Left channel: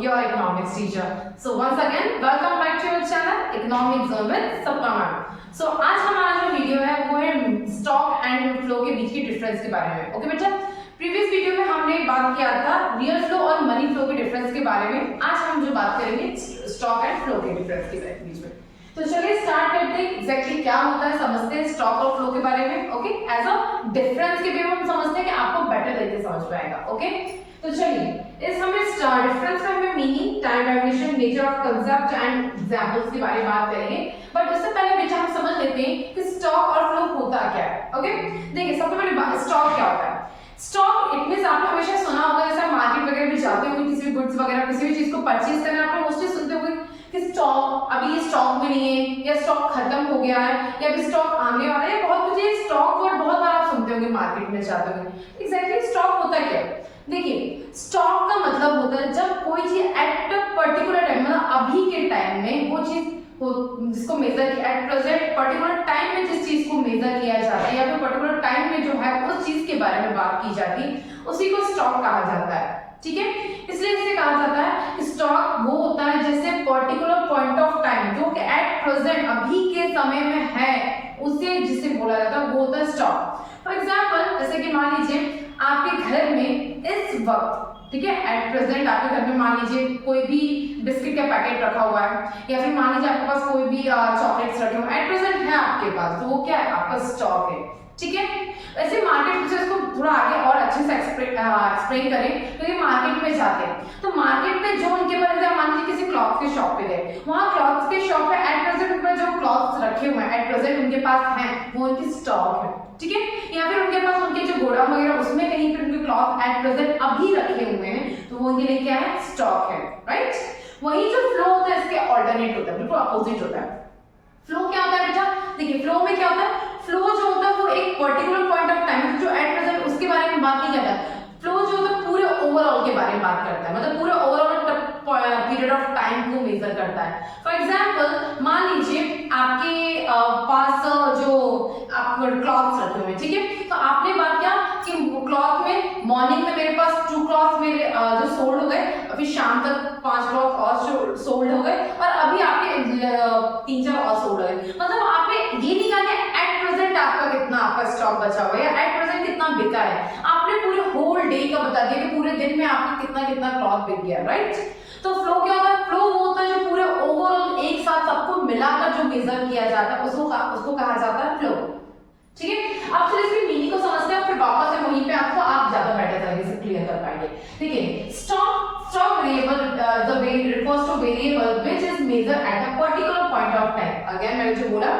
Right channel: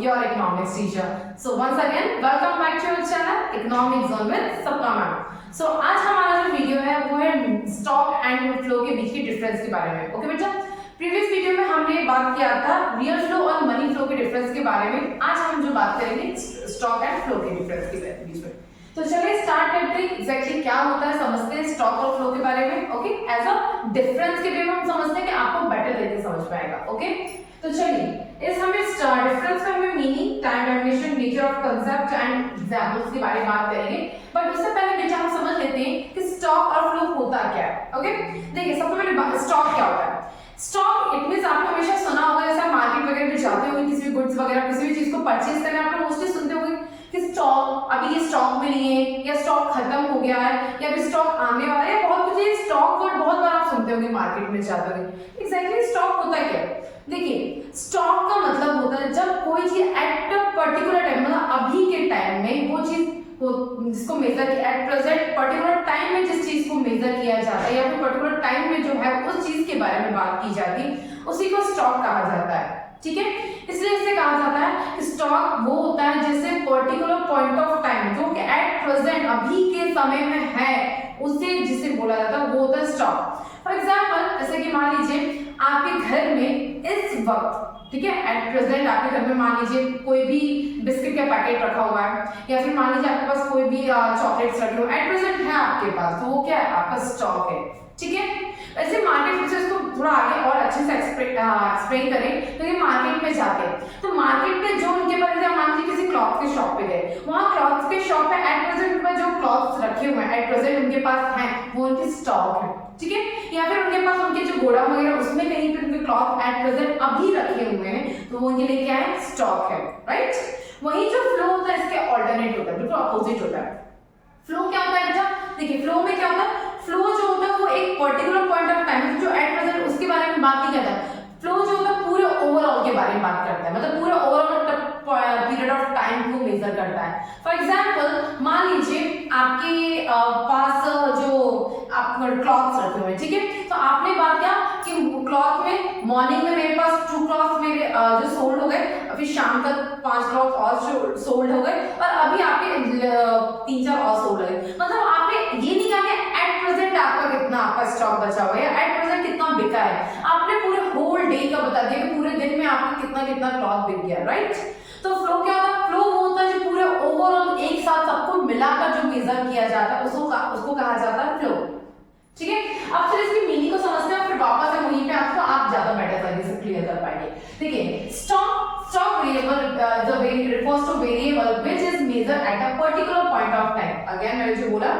your economics teacher. So once again, welcome back to your channel Economic Zone with Sapna ma'am. So आज हमारा जो video है वो है स्टॉक एंड फ्लो के बीच की डिफरेंस के बारे में. ओके बेटा, प्रीवियस वीडियो में हमने बात किया था रियल फ्लो और मनी फ्लो के डिफरेंस के बारे में. आज हम जो बात करेंगे स्टॉक एंड फ्लो के डिफरेंस के बीच में. तो चलिए स्टार्ट करते हैं. एग्जैक्टली क्या होता है समझते हैं स्टॉक और फ्लो के बारे में. ओके, एज अ डिफरेंस के वे में हम समझते हैं कि आपको बेटर तरीके से समझ पाएगा. ओके, तो चलिए इस हमें डिफरेंस का हमें meaning, time dimension, nature of concept and examples के बारे में बात करेंगे. बट उससे पहले बेटा हम समझ लेते हैं कि स्टॉक और फ्लो होता क्या है. ओके, देखिए सबसे पहले स्टॉक क्या होता है. स्टॉक इट मींस आपने हमेशा सुना होगा, जैसे आप मार्केट वगैरह में जाते होंगे किसी भी गुड्स वगैरह किसी भी चीज को परचेज करने, आपने मोस्टली सुनते होंगे कि स्टॉक अभी ये स्टॉक में नहीं है, या स्टॉक खत्म हो गया है, या अभी स्टॉक आने वाला है, या बहुत कुछ. ये स्टॉक वर्ड बहुत बार आप सुनते होंगे मार्केट में जाते होंगे. एग्जैक्टली स्टॉक होता क्या है. देखिए स्टॉक का मतलब होता है जब कोई चीज एट पर्टिकुलर टाइम, मतलब अभी के टाइम में वो चीज जिसको मेजर किया एट प्रेजेंट पर्टिकुलर टाइम में जिस चीज को मेजर किया जाता है, या फिर पर्टिकुलर टाइम में जो है उस चीज के बारे में बात की जाती है, उसी को स्टॉक कहा जाता है. ठीक है, इसलिए इसे कहा जाता है कि स्टॉक वो होता है जैसे पर्टिकुलर पॉइंट ऑफ टाइम जो कि एट प्रेजेंट अभी के समय में है, उसे जिसे बोला जाता है वो होता है स्टॉक. फॉर एग्जाम्पल जैसे कि मान लीजिए आपके घर में इस वक्त, ठीक है, एट प्रेजेंट आपके घर में मान लीजिए कोई भी बिस्किट का पैकेट रखा हुआ है, या फिर मान लीजिए आपके पास कोई भी चॉकलेट्स रखे हुए एट प्रेजेंट है आपके पास, तो वो क्या है आपका स्टॉक है. ठीक है, वैसे मार्केट में इसको थोड़ा आगे और अच्छे से एक्सप्लेन करें तो ये मार्केट में जाते हैं, तो मार्केट में जो उनके पास, मान लीजिए किसी क्लॉथ के शॉप पे गए, वहां क्लॉथ के शॉप पे एट प्रेजेंट में जो क्लॉथ्स रखे हुए हैं एट प्रेजेंट उनके पास हैं, वो उनकी स्टॉक है. ठीक है, या फिर उनके पास उनके जो गोडाउन वगैरह उसमें कहीं पे उनके क्लॉथ एट प्रेजेंट अभी रखे हुए हैं, तो वो उनके लिए क्या है स्टॉक है. राइट, वही जो फ्लो होता है इसके ऑल्टरनेट होता है, बिल्कुल अपोजिट होता है. फ्लो क्या होता है बेटा, देखिए फ्लो में क्या होता है, फ्लो जो होता है वो एक पर्टिकुलर पॉइंट ऑफ टाइम जो एट प्रेजेंट उसके बारे में बात नहीं करता है. फ्लो जो होता है पूरे ओवरऑल के बारे में बात करता है, मतलब पूरे ओवरऑल पीरियड ऑफ टाइम को मेजर करता है. फॉर एग्जांपल मान लीजिए आपके पास जो आप क्लॉथ्स रखे हुए हैं, ठीक है, तो आपने बात किया कि क्लॉथ में मॉर्निंग में मेरे पास 2 क्लॉथ मेरे जो सोल्ड हो गए, फिर शाम तक 5 क्लॉथ और सोल्ड हो गए, और अभी आपके 3-4 और सोल्ड हो गए. मतलब आपने ये नहीं कहा कि एट प्रेजेंट आपका कितना आपका स्टॉक बचा हुआ है या एट प्रेजेंट कितना बिका है, आपने पूरे होल डे का बता दिया कि पूरे दिन में आपका कितना कितना क्लॉथ बिक गया. राइट, तो फ्लो क्या होता है, फ्लो वो होता है जो पूरे ओवरऑल एक साथ सबको मिलाकर जो मेजर किया जाता है उसको कहा जाता है फ्लो. ठीक है, अब फिर इसकी मीनिंग को समझते हैं, फिर वापस से वहीं पे आपको आप ज्यादा बेटर तरीके से क्लियर कर पाएंगे. देखिए stock variable refers to variable which is measured at a particular point of time. Again मैंने जो बोला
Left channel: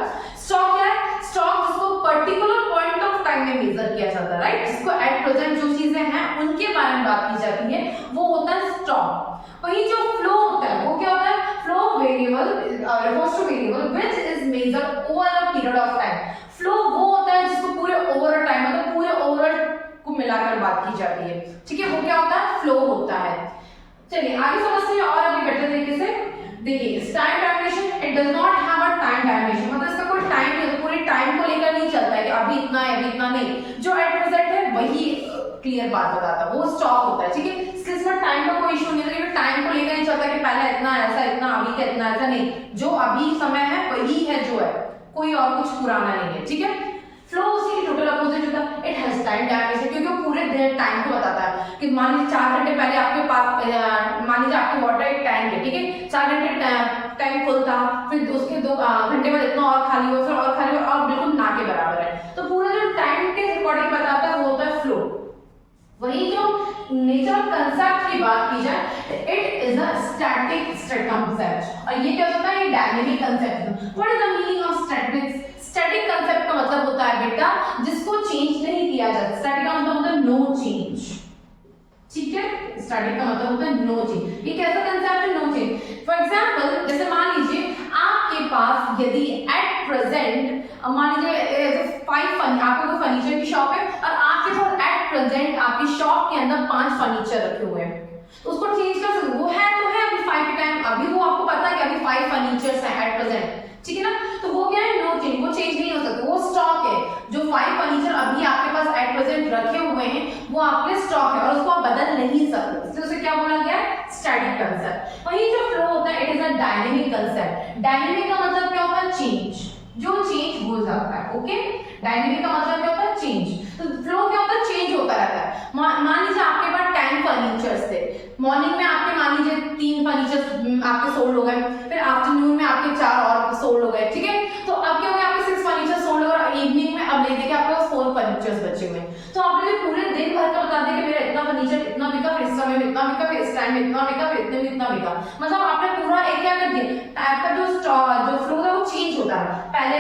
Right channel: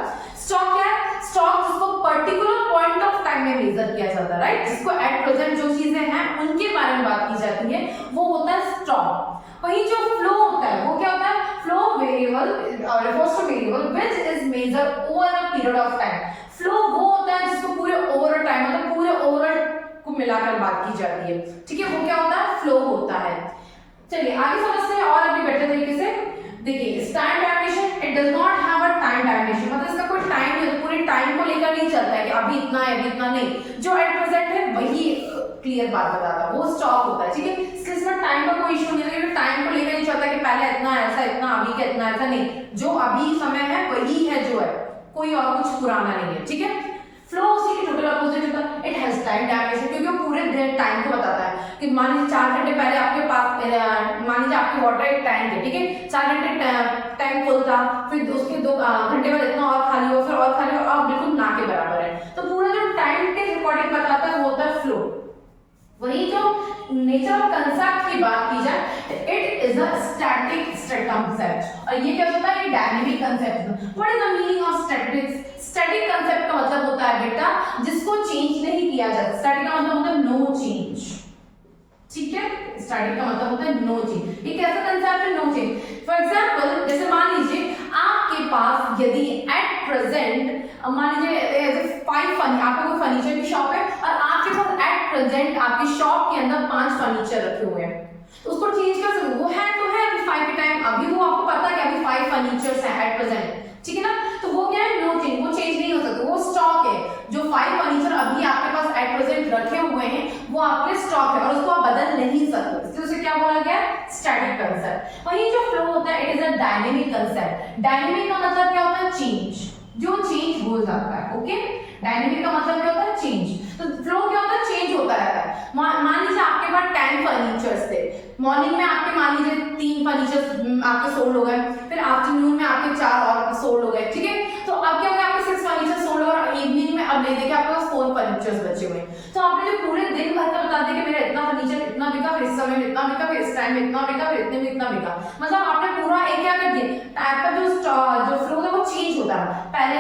स्टॉक क्या है, स्टॉक जिसको पर्टिकुलर पॉइंट ऑफ टाइम में मेजर किया जाता है. राइट, जिसको एट प्रेजेंट जो चीजें हैं उनके बारे में बात की जाती है, वो होता है स्टॉक. वही जो फ्लो होता है वो क्या होता है, flow variable refers to variable which is measured over a period of time. Flow वो होता है जिसको पूरे ओवरऑल टाइम, मतलब पूरे ओवरऑल को मिलाकर बात की जाती है. ठीक है, वो क्या होता है फ्लो होता है. चलिए आगे समझते हैं और अभी बेटर तरीके से. देखिए time dimension, it does not have a time dimension, मतलब इसका कोई टाइम नहीं, पूरे टाइम को लेकर नहीं चलता है कि अभी इतना है अभी इतना नहीं. जो एट प्रेजेंट है वही क्लियर बात बताता है, वो स्टॉक होता है. ठीक है, इसलिए इसमें टाइम का कोई इशू नहीं है, क्योंकि टाइम को लेकर नहीं चलता कि पहले इतना ऐसा इतना अभी का इतना ऐसा नहीं, जो अभी समय है वही है जो है, कोई और कुछ पुराना नहीं है. ठीक है, फ्लो उसी की टोटल अपोजिट होता है. इट हैज टाइम डायमेंशन क्योंकि वो पूरे टाइम को बताता है कि मान लीजिए 4 घंटे पहले आपके पास मान लीजिए आपके वाटर एक टैंक है, ठीक है, 4 घंटे टैंक फुल था, फिर उसके 2 घंटे बाद इतना और खाली हुआ, फिर और खाली हुआ, और बिल्कुल ना के बराबर है. तो पूरा जो टाइम के अकॉर्डिंग बताता है वो होता है फ्लो. वही जो नेचर ऑफ कंसेप्ट की बात की जाए, it is a static concept, और ये क्या होता है, ये dynamic concept. What is the meaning of static? Static concept का मतलब होता है बेटा जिसको चेंज नहीं किया जाता. स्टैटिक का मतलब होता है नो चेंज. ठीक है, स्टैटिक का मतलब होता है नो चेंज. ये कैसा कंसेप्ट है, नो चेंज. फॉर एग्जांपल जैसे मान लीजिए आपके पास यदि एट प्रेजेंट मान लीजिए 5 आपको कोई फर्नीचर की शॉप है, और आपके पास एट प्रेजेंट आपकी शॉप के अंदर 5 फर्नीचर रखे हुए हैं, तो उसको चेंज कर सकते, वो है तो है अभी 5 के टाइम, अभी वो आपको पता है कि अभी 5 फर्नीचर्स हैं एट प्रेजेंट. ठीक है ना, तो वो क्या है नो चेंज, वो चेंज नहीं हो सकता, वो स्टॉक है. जो 5 फर्नीचर अभी आपके पास एट प्रेजेंट रखे हुए हैं वो आपके स्टॉक है और उसको आप बदल नहीं सकते, इसलिए उसे क्या बोला गया, स्टैटिक कंसेप्ट। वहीं जो फ्लो होता है it is a dynamic concept. Dynamic का मतलब क्या होता है? चेंज, जो चेंज हो जाता है। ओके, डायनेमिक का मतलब क्या होता है? चेंज। तो फ्लो क्या होता है? चेंज होता रहता है। मान लीजिए आपके पास 10 फर्नीचर्स थे, मॉर्निंग में आपके मान लीजिए 3 फर्नीचर्स आपके सोल्ड हो गए, फिर आफ्टरनून में आपके 4 और सोल्ड हो गए, ठीक है। तो अब क्या हो गया? आपके 6 फर्नीचर सोल्ड हो और इवनिंग में अब ले देखिए आपके पास 4 फर्नीचर्स बचे हुए हैं। तो आपने जो पूरे दिन भर का बता दिया कि मेरा इतना फर्नीचर इतना बिका, फिर इस समय में इतना बिका, फिर इस टाइम में इतना बिका, फिर इतने में इतना बिका, मतलब आपने पूरा एक क्या कर दिया, आपका जो फ्लो था वो चेंज होता है। पहले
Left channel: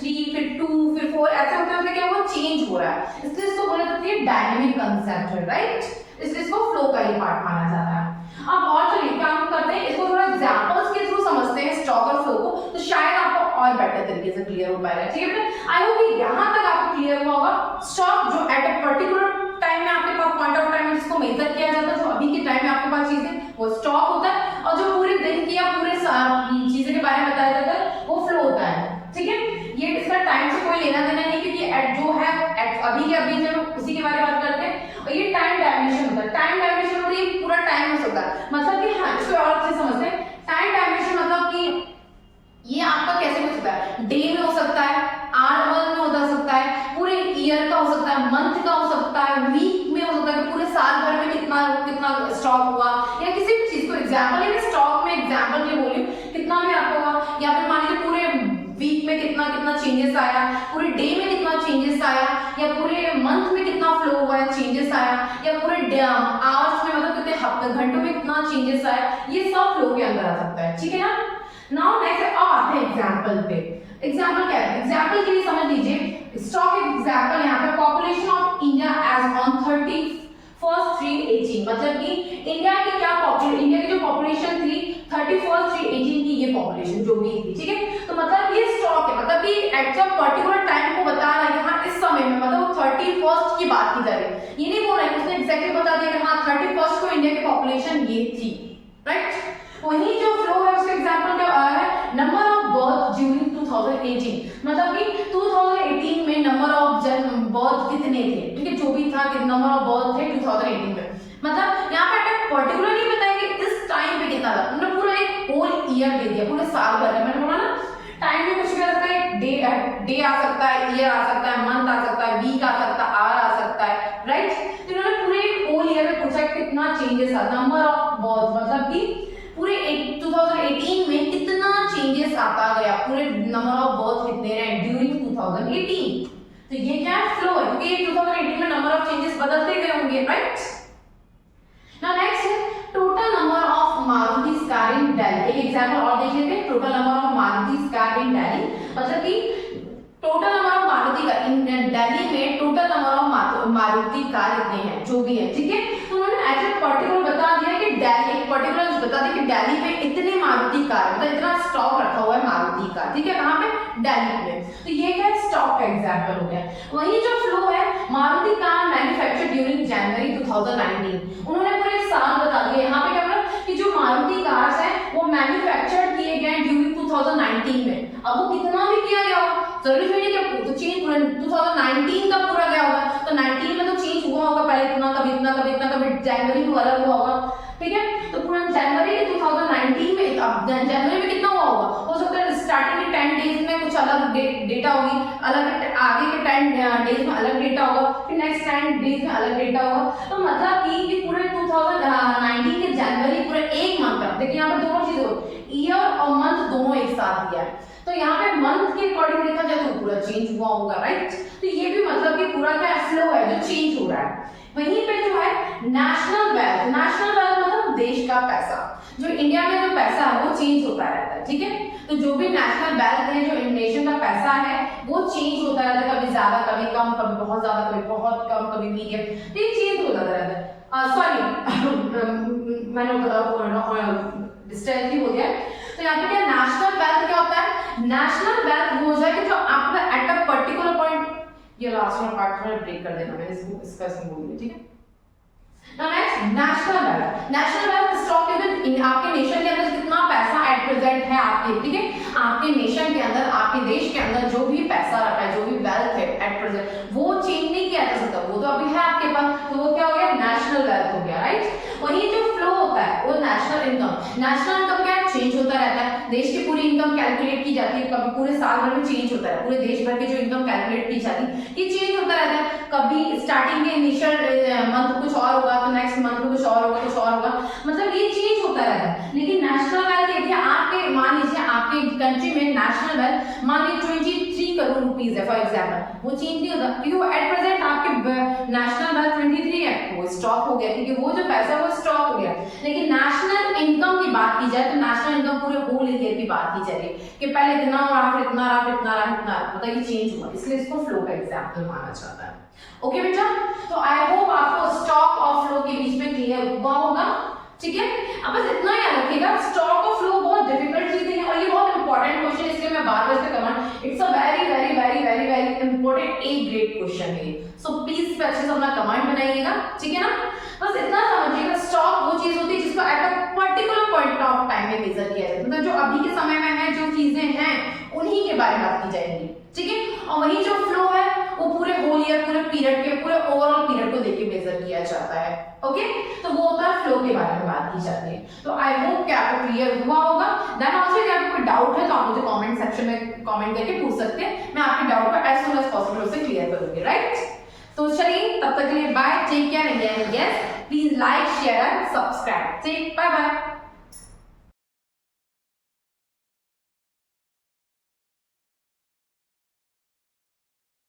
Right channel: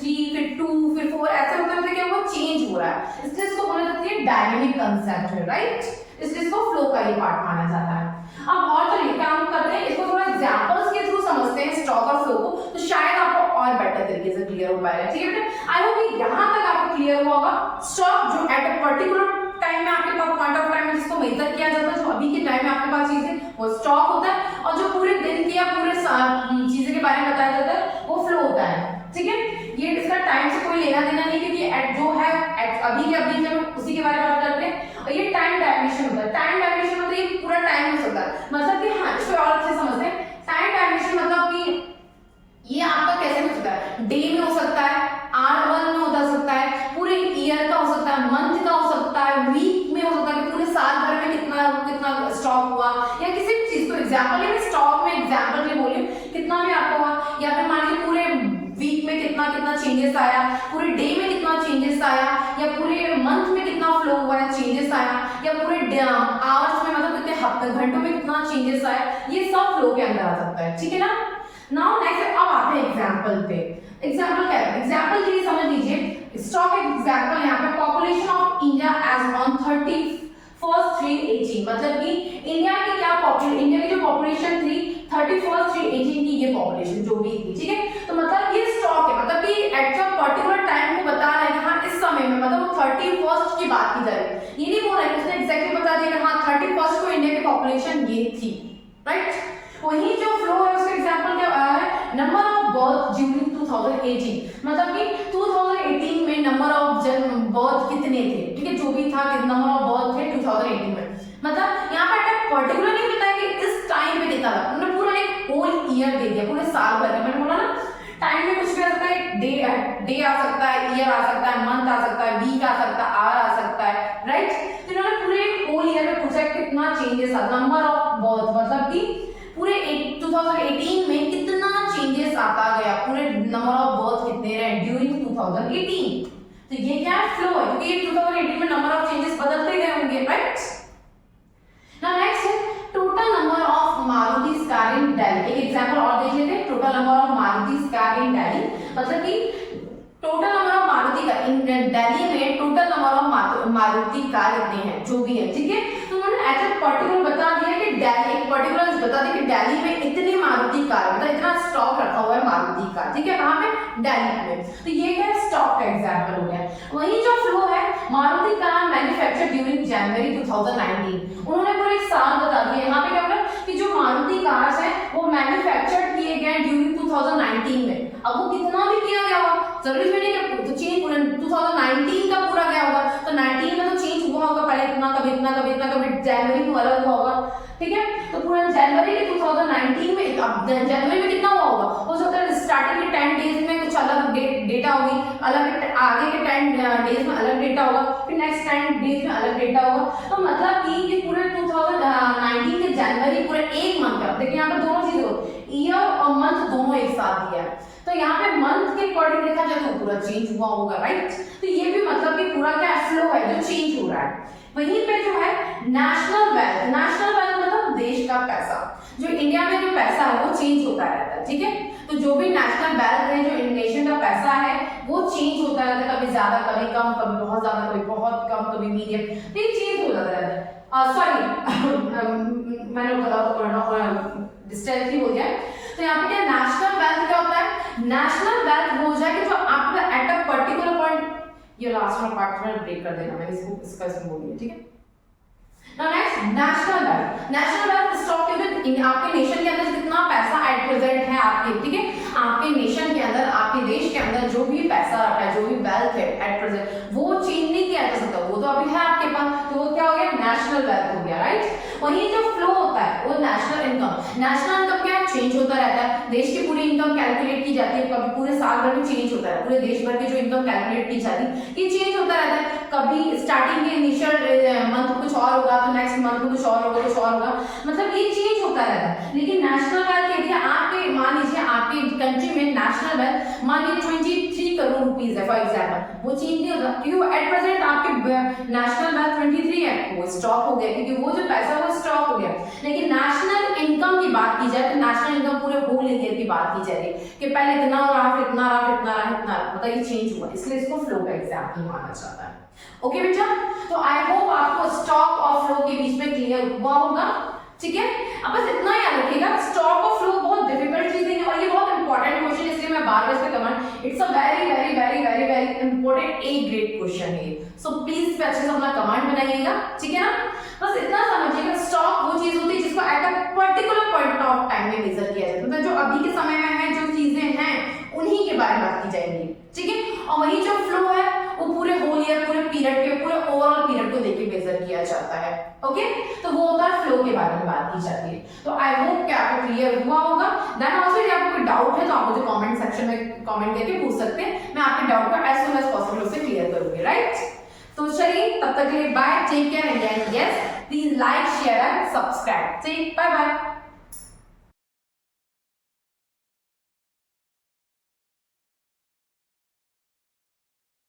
3 फिर 2 फिर 4 ऐसे होते होते क्या वो चेंज हो रहा है, इसलिए इसको बोला जाता है डायनेमिक कंसेप्ट है, राइट। इसलिए इसको फ्लो का ही पार्ट माना जाता है। अब और चलिए काम करते हैं, इसको थोड़ा एग्जांपल्स के थ्रू समझते हैं स्टॉक और फ्लो को, तो शायद आपको और बेटर तरीके से क्लियर हो पाएगा, ठीक है बेटा। आई होप कि यहां तक आपको क्लियर हुआ होगा। स्टॉक जो एट अ पर्टिकुलर टाइम में आपके पास पॉइंट ऑफ टाइम में जिसको मेजर किया जाता है, जो अभी के टाइम में आपके पास चीज है वो स्टॉक होता है, और जो पूरे दिन की या पूरे चीजें के बारे में बताया जाता है वो फ्लो होता है, ठीक है। ये इसका टाइम से कोई लेना देना नहीं, क्योंकि एट जो है एट अभी के अभी जब उसी के बारे में बात करते हैं। और ये टाइम डायमेंशन होता है। टाइम डायमेंशन मतलब ये पूरा टाइम हो सकता है, मतलब कि हाँ इसको और अच्छे समझते हैं। टाइम डायमेंशन मतलब कि ये आपका कैसे हो सकता है? डे में हो सकता है, आवर में हो सकता है, पूरे ईयर का हो सकता है, मंथ का हो सकता है, वीक में हो सकता है कि पूरे साल भर में कितना कितना स्टॉक हुआ, या किसी भी चीज को एग्जांपल है स्टॉक में एग्जांपल के लिए बोली कितना भी आपको हुआ, या फिर मान लीजिए पूरे वीक में कितना कितना चेंजेस आया, पूरे डे में कितना चेंजेस आया, या पूरे मंथ में कितना फ्लो हुआ है चेंजेस आया, या पूरे आवर्स में मतलब कितने हफ्ते घंटों में कितना चेंजेस आया, ये सब फ्लो के अंदर आ सकता है, ठीक है ना। नाउ नेक्स्ट अब आते हैं एग्जांपल पे। एग्जांपल क्या है? एग्जांपल के लिए समझ लीजिए स्टॉक एक एग्जांपल यहाँ पे population of India as on 31/3/18, मतलब कि इंडिया की क्या इंडिया की जो पॉपुलेशन थी 31/3/18 की ये पॉपुलेशन जो भी थी, ठीक है। तो मतलब ये स्टॉक है, मतलब कि एट अ पर्टिकुलर टाइम को बता रहा है कि हाँ इस समय में मतलब 31st की बात की जा रही है, ये नहीं बोल रहा है कि उसने एग्जैक्टली बता दिया कि हाँ 31st को इंडिया की पॉपुलेशन ये थी, राइट। वही जो फ्लो है उसका एग्जांपल क्या है? नंबर ऑफ बर्थ ड्यूरिंग 2018, मतलब कि 2018 में नंबर ऑफ जन्म बर्थ कितने थे, ठीक है, जो भी था कि नंबर ऑफ बर्थ थे 2018 में, मतलब यहाँ पे पर्टिकुलर नहीं बताया कि इस टाइम पे कितना था, उन्होंने पूरा एक होल ईयर दे दिया, पूरे साल भर का। मैंने बोला ना टाइम में कुछ भी आ सकता है, डे आ सकता है, ईयर आ सकता है, मंथ आ सकता है, वीक आ सकता है, आवर आ सकता है, राइट। तो इन्होंने पूरे होल ईयर में पूछा कितना चेंजेस आ, नंबर ऑफ बर्थ मतलब कि पूरे 2018 में कितना चेंजेस आता गया, पूरे नंबर ऑफ बर्थ कितने रहे ड्यूरिंग 2018। तो ये क्या है? फ्लो है, क्योंकि 2018 में नंबर ऑफ चेंजेस बदलते गए होंगे, राइट। नाउ नेक्स्ट है total number of Maruti car in Delhi. एक एग्जांपल और देख लेते हैं। Total number of Maruti car in Delhi, मतलब कि total number of Maruti car in Delhi में total number of Maruti car कितने हैं, जो भी है, ठीक है। तो उन्होंने ऐसे पर्टिकुलर बता दिया कि दिल्ली एक पर्टिकुलर बता दिया कि दिल्ली में इतने मारुति कार, मतलब इतना स्टॉक रखा हुआ है मारुति कार, ठीक है, कहाँ पे? दिल्ली में। तो ये क्या स्टॉक का एग्जांपल हो गया। वही जो फ्लो है मारुति कार मैन्युफैक्चर ड्यूरिंग जनवरी 2019, उन्होंने पूरे साल बता दिया। यहाँ पे क्या बोला कि जो मारुति कार्स है वो मैन्युफैक्चर किए गए ड्यूरिंग 2019 में। अब वो कितना भी किया गया होगा जरूरी नहीं कि तो चेंज 2019 का पूरा गया होगा, तो 19 में तो चेंज हुआ होगा, पहले इतना कभी इतना कभी इतना कभी जनवरी में अलग हुआ होगा, ठीक है। तो पूरा जनवरी 2019 में, अब जनवरी में कितना हुआ होगा, हो सकता है स्टार्टिंग के 10 डेज में कुछ अलग डेटा होगी, अलग आगे के 10 डेज में अलग डेटा होगा, फिर नेक्स्ट 10 डेज में अलग डेटा होगा। तो मतलब कि पूरे 2019 के जनवरी पूरे एक मंथ का, देखिए यहाँ पे दोनों चीज हो, ईयर और मंथ दोनों एक साथ दिया है, तो यहाँ पे मंथ के अकॉर्डिंग देखा जाए तो पूरा चेंज हुआ होगा, राइट। तो ये भी मतलब कि पूरा क्या फ्लो है जो चेंज हो रहा है। वहीं पे जो है नेशनल वेल्थ, नेशनल वेल्थ मतलब देश का पैसा, जो इंडिया में जो पैसा है वो चेंज होता रहता है, ठीक है। तो जो भी नेशनल वेल्थ है, जो नेशन का पैसा है वो चेंज होता रहता है, कभी ज्यादा कभी कम, कभी बहुत ज्यादा कभी बहुत कम, कभी मीडियम, तो ये चेंज हो जाता रहता है। सॉरी मैंने डिस्टेंस ही हो गया। तो यहाँ पे क्या नेशनल वेल्थ क्या होता है? नेशनल वेल्थ वो हो जाए कि जो आपका एट अ पर्टिकुलर पॉइंट, ये लास्ट वाला पार्ट थोड़ा ब्रेक कर देना, मैंने इसको इसमें बोल दिया, ठीक है। Now next national wealth. National wealth stock के अंदर आपके नेशन के अंदर कितना पैसा एट प्रेजेंट है आपके, ठीक है, आपके नेशन के अंदर, आपके देश के अंदर जो भी पैसा रखा है, जो भी वेल्थ है एट प्रेजेंट, वो चेंज नहीं किया जा सकता, वो तो अभी है आपके पास, तो वो क्या हो गया? नेशनल वेल्थ हो गया, राइट। वही जो फ्लो होता है वो नेशनल इनकम। नेशनल इनकम क्या है, चेंज होता रहता है। देश की पूरी इनकम कैलकुलेट की जाती है, कभी पूरे साल भर में चेंज होता है, पूरे देश भर की जो इनकम कैलकुलेट की जाती है ये चेंज होता रहता है। कभी स्टार्टिंग के इनिशियल मंथ कुछ और होगा तो नेक्स्ट मंथ में कुछ और होगा, कुछ और होगा, मतलब ये चेंज होता रहता है। लेकिन नेशनल वेल्थ देखिए, आपके मान लीजिए आपके कंट्री में नेशनल वेल्थ मान लीजिए 23 करोड़ रुपीस है फॉर एग्जांपल, वो चेंज नहीं होता क्योंकि एट प्रेजेंट आपके नेशनल वेल्थ 23 है, वो स्टॉक हो गया क्योंकि वो जो पैसा है वो स्टॉक हो गया। लेकिन नेशनल इनकम की बात की जाए तो नेशनल इनकम पूरे होल ईयर की बात की जाए कि पहले इतना रहा, फिर इतना रहा, फिर इतना रहा, इतना रहा, मतलब ये चेंज हुआ, इसलिए इसको फ्लो का एग्जांपल माना जाता है। ओके बेटा, तो आई होप आपको स्टॉक और फ्लो के बीच में क्लियर हुआ होगा, ठीक है। अब बस इतना याद रखिएगा, स्टॉक और फ्लो बहुत डिफिकल्ट चीजें हैं और ये बहुत इंपॉर्टेंट क्वेश्चन है, इसलिए मैं बार-बार इस पे comment, it's a very very very very very important A grade question है, सो प्लीज इस पे अच्छे से अपना कमेंट बनाइएगा, ठीक है ना। बस इतना समझिएगा, स्टॉक वो चीज होती है जिसको at a particular point of time में मेजर किया जाता है, मतलब जो अभी के समय में है, जो चीजें हैं उन्हीं के बारे में बात की जाएगी, ठीक है। और वही जो फ्लो है वो पूरे होल ईयर, पूरे पीरियड के, पूरे ओवरऑल पीरियड को देख के मेजर किया जाता है, ओके। तो वो होता है फ्लो के बारे में बात की जाती है। तो आई होप कि आपको क्लियर हुआ होगा। देन ऑल्सो यदि आपको कोई डाउट है तो आप मुझे कमेंट सेक्शन में कमेंट करके पूछ सकते हैं, मैं आपके डाउट को एज सून एज पॉसिबल उसे क्लियर करूंगी, राइट। तो चलिए तब तक के लिए bye, take care and yes please like share and subscribe, bye bye.